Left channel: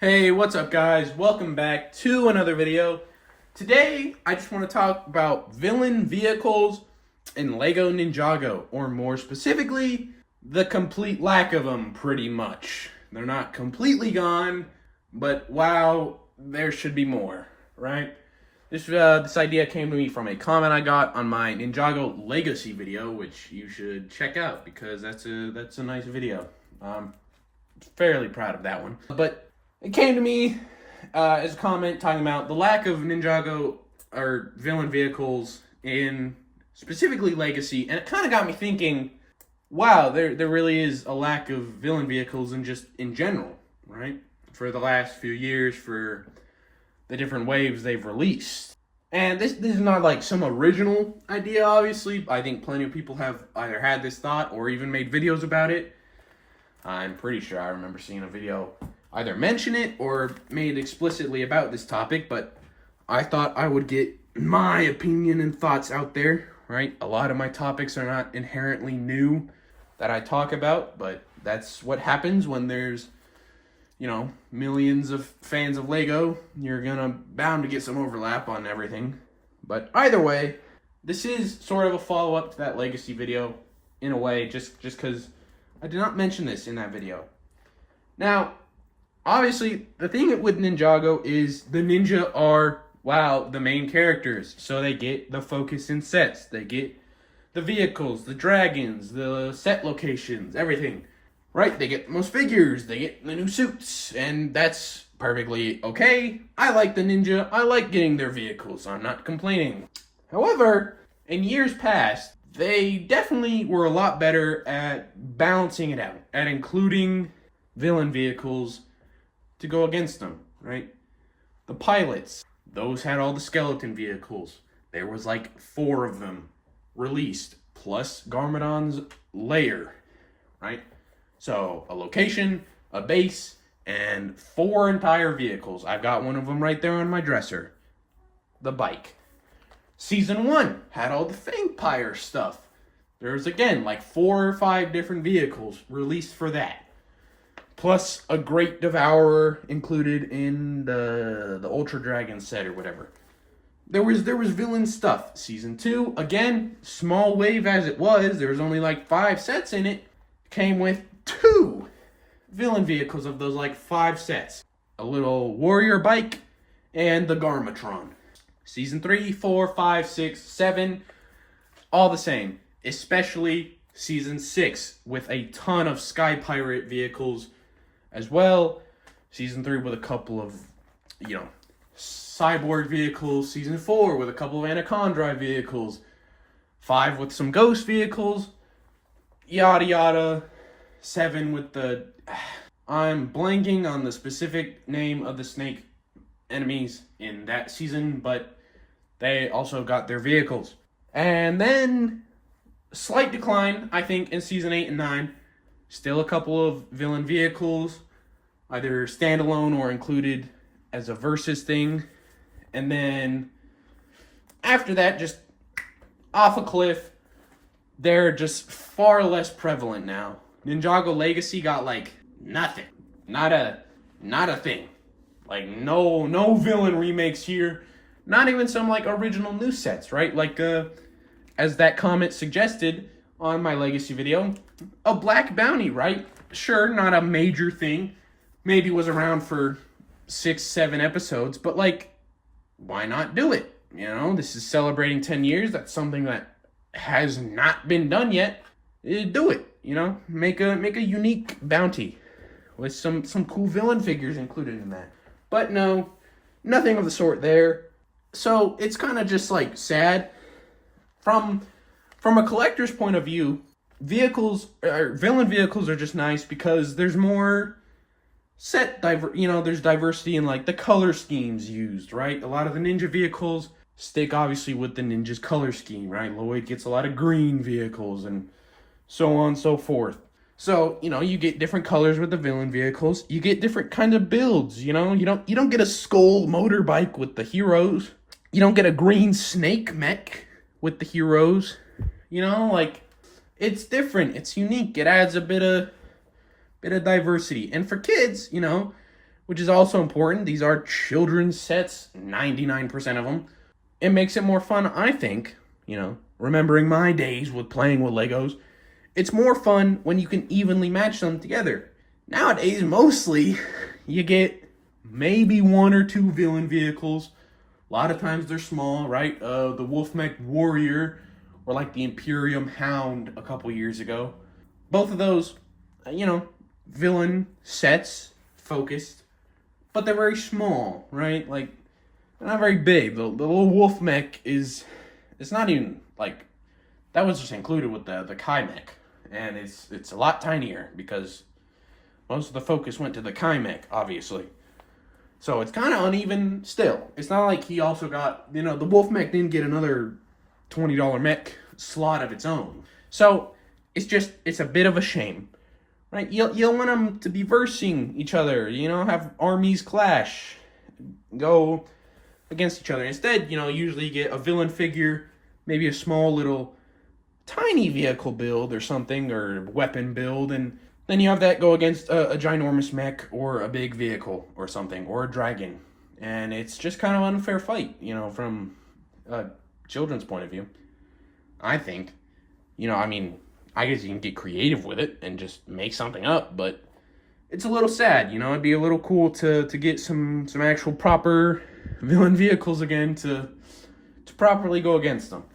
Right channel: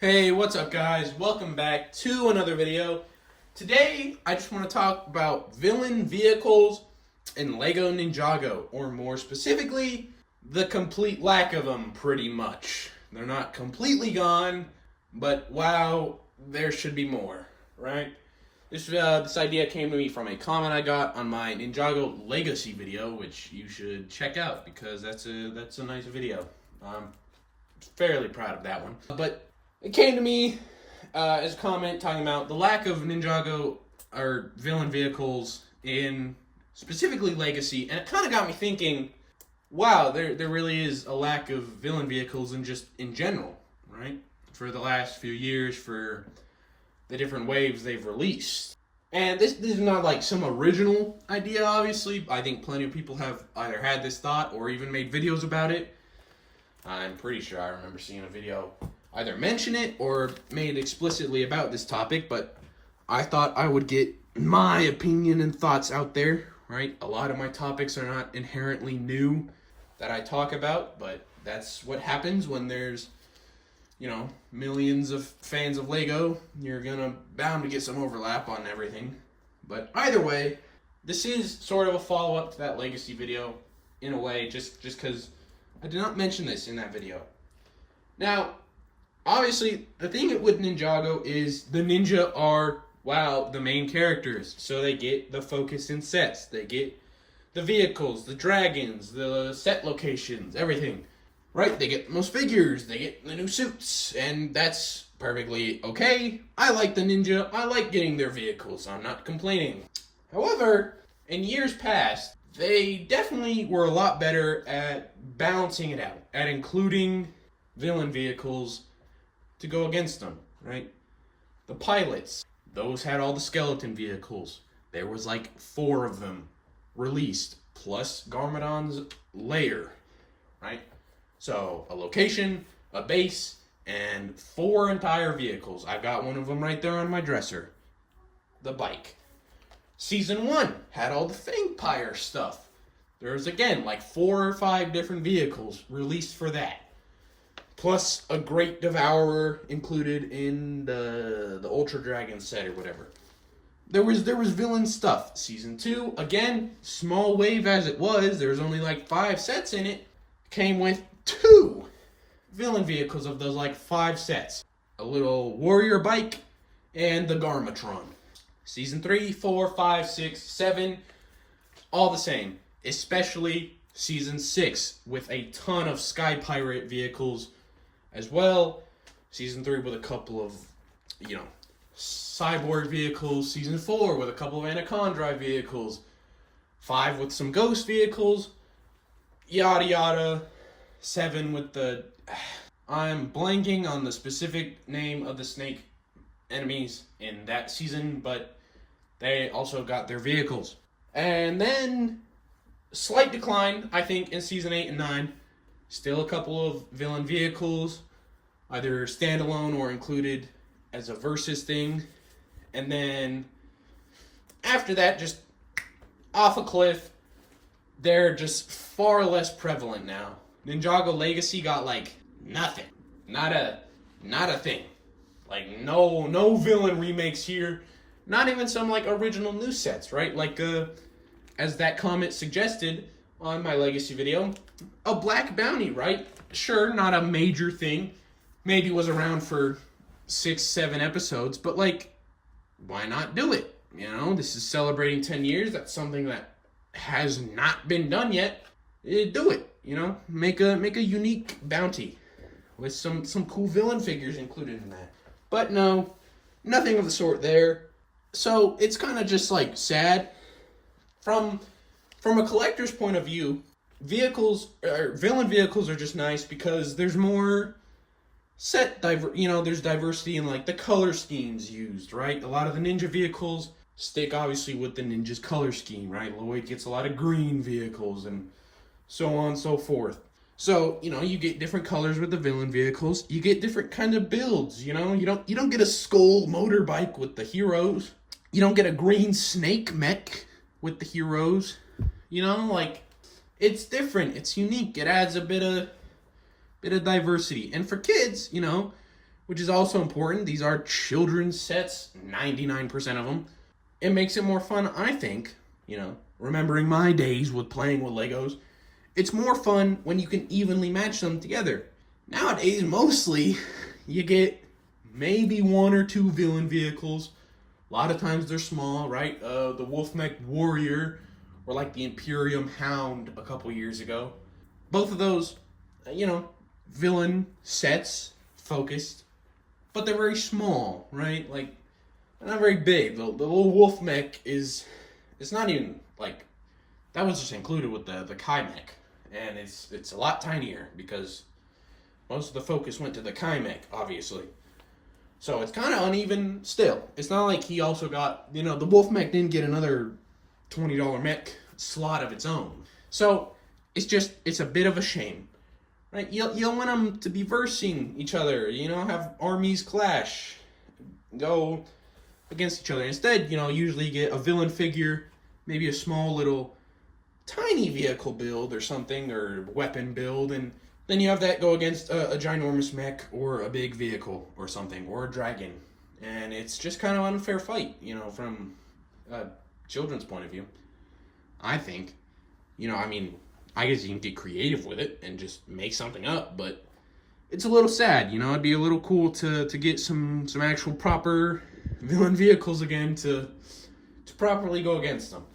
Hey, what's up guys? Welcome back to another video. Today, I just want to talk about villain vehicles in LEGO Ninjago, or more specifically, the complete lack of them pretty much. They're not completely gone, but wow, there should be more, right? This idea came to me from a comment I got on my Ninjago Legacy video, which you should check out because that's a nice video. I'm fairly proud of that one. But it came to me as a comment talking about the lack of Ninjago or villain vehicles in specifically Legacy, and it kind of got me thinking, wow, there really is a lack of villain vehicles in general, right? For the last few years, for the different waves they've released. And this is not like some original idea, obviously. I think plenty of people have either had this thought or even made videos about it. I'm pretty sure I remember seeing a video either mention it or made explicitly about this topic, but I thought I would get my opinion and thoughts out there, right? A lot of my topics are not inherently new that I talk about, but that's what happens when there's, millions of fans of LEGO. You're bound to get some overlap on everything. But either way, this is sort of a follow-up to that Legacy video in a way, just because I did not mention this in that video. Now, obviously, the thing with Ninjago is the ninja are, the main characters. So they get the focus in sets. They get the vehicles, the dragons, the set locations, everything. Right? They get the most figures. They get the new suits. And that's perfectly okay. I like the ninja. I like getting their vehicles. I'm not complaining. However, in years past, they definitely were a lot better at balancing it out, at including villain vehicles to go against them, right? The pilots, those had all the skeleton vehicles. There was like 4 of them released, plus Garmadon's lair, right? So a location, a base, and 4 entire vehicles. I've got one of them right there on my dresser. The bike. Season 1 had all the Fangpire stuff. There's again like 4 or 5 different vehicles released for that. Plus a Great Devourer included in the Ultra Dragon set or whatever. There was villain stuff. Season 2, again, small wave as it was, there was only like 5 sets in it, came with 2 villain vehicles of those like 5 sets. A little warrior bike and the Garmatron. Season 3, 4, 5, 6, 7, all the same. Especially Season 6 with a ton of Sky Pirate vehicles as well. Season 3 with a couple of, cyborg vehicles. Season 4 with a couple of Anaconda vehicles. 5 with some ghost vehicles. Yada yada. 7 with the... I'm blanking on the specific name of the snake enemies in that season, but they also got their vehicles. And then, slight decline, I think, in Season 8 and 9. Still a couple of villain vehicles, either standalone or included as a versus thing. And then, after that, just off a cliff. They're just far less prevalent now. Ninjago Legacy got like nothing. Not a thing. Like no villain remakes here. Not even some like original new sets, right? Like as that comment suggested on my Legacy video, a Black Bounty, right? Sure, not a major thing. Maybe was around for 6, 7 episodes, but like, why not do it? This is celebrating 10 years. That's something that has not been done yet. Do it. Make a unique bounty with some cool villain figures included in that. But no, nothing of the sort there. So it's kind of just like sad. From a collector's point of view, villain vehicles are just nice because there's more there's diversity in like the color schemes used, right? A lot of the ninja vehicles stick obviously with the ninja's color scheme, right? Lloyd gets a lot of green vehicles and so on and so forth. So, you get different colors with the villain vehicles. You get different kind of builds, You don't get a skull motorbike with the heroes. You don't get a green snake mech with the heroes. It's different. It's unique. It adds a bit of diversity. And for kids, which is also important. These are children's sets, 99% of them. It makes it more fun, I think, remembering my days with playing with Legos. It's more fun when you can evenly match them together. Nowadays, mostly, you get maybe one or two villain vehicles. A lot of times they're small, right? The Wolfmech Warrior, or like the Imperium Hound a couple years ago. Both of those, villain sets, focused, but they're very small, right? Like, they're not very big. The little Wolfmech it's not even, like, that was just included with the Kai mech. And it's a lot tinier because most of the focus went to the Kai mech, obviously. So it's kind of uneven still. It's not like he also got, the Wolf mech didn't get another $20 mech slot of its own. So it's a bit of a shame, right? You want them to be versing each other, have armies clash, go against each other. Instead, usually you get a villain figure, maybe a small little tiny vehicle build or something, or weapon build, and then you have that go against a ginormous mech or a big vehicle or something, or a dragon. And it's just kind of an unfair fight, from a children's point of view. I think. I guess you can get creative with it and just make something up, but it's a little sad, it'd be a little cool to get some actual proper villain vehicles again to properly go against them.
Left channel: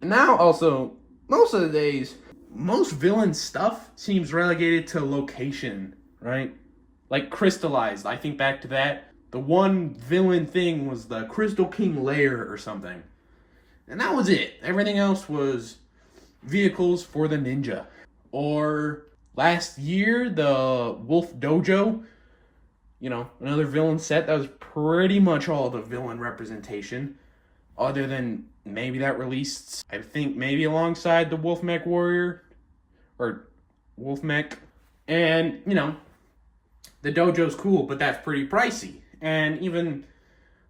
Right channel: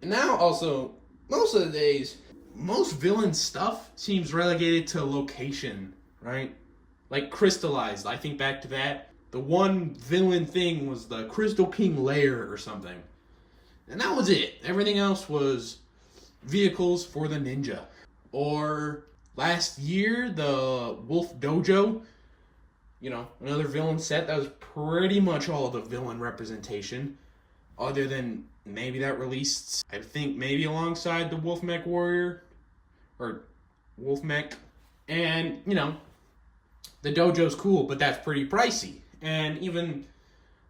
And now also, most of the days, most villain stuff seems relegated to location, right? Like crystallized. I think back to that. The one villain thing was the Crystal King lair or something. And that was it. Everything else was vehicles for the ninja. Or last year, the Wolf Dojo, another villain set. That was pretty much all the villain representation. Other than maybe that released, I think maybe alongside the Wolfmech Warrior. Or Wolfmech. And, the dojo's cool, but that's pretty pricey. And even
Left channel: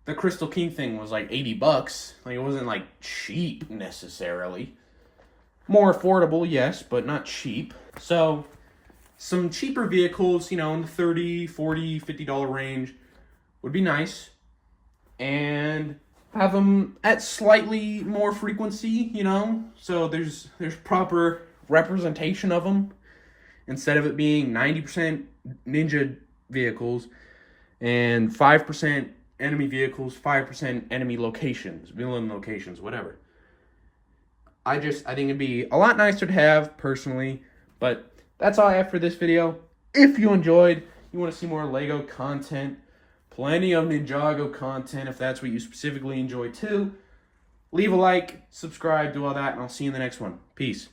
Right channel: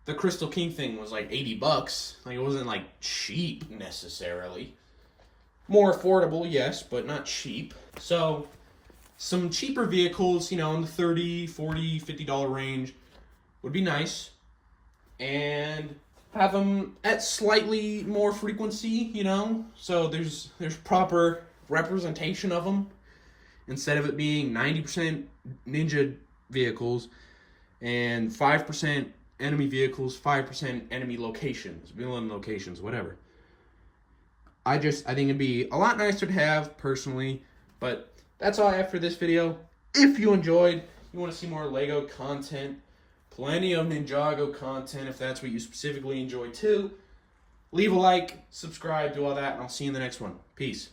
the Crystal King thing was like $80. Like, it wasn't like cheap necessarily. More affordable, yes, but not cheap. So, some cheaper vehicles, in the $30, $40, $50 range would be nice. And have them at slightly more frequency, so there's proper representation of them, instead of it being 90% ninja vehicles and 5% enemy vehicles, 5% enemy locations, villain locations, whatever. I think it'd be a lot nicer to have, personally, but that's all I have for this video. If you enjoyed, you want to see more Lego content, plenty of Ninjago content if that's what you specifically enjoy too, leave a like, subscribe, do all that, and I'll see you in the next one. Peace.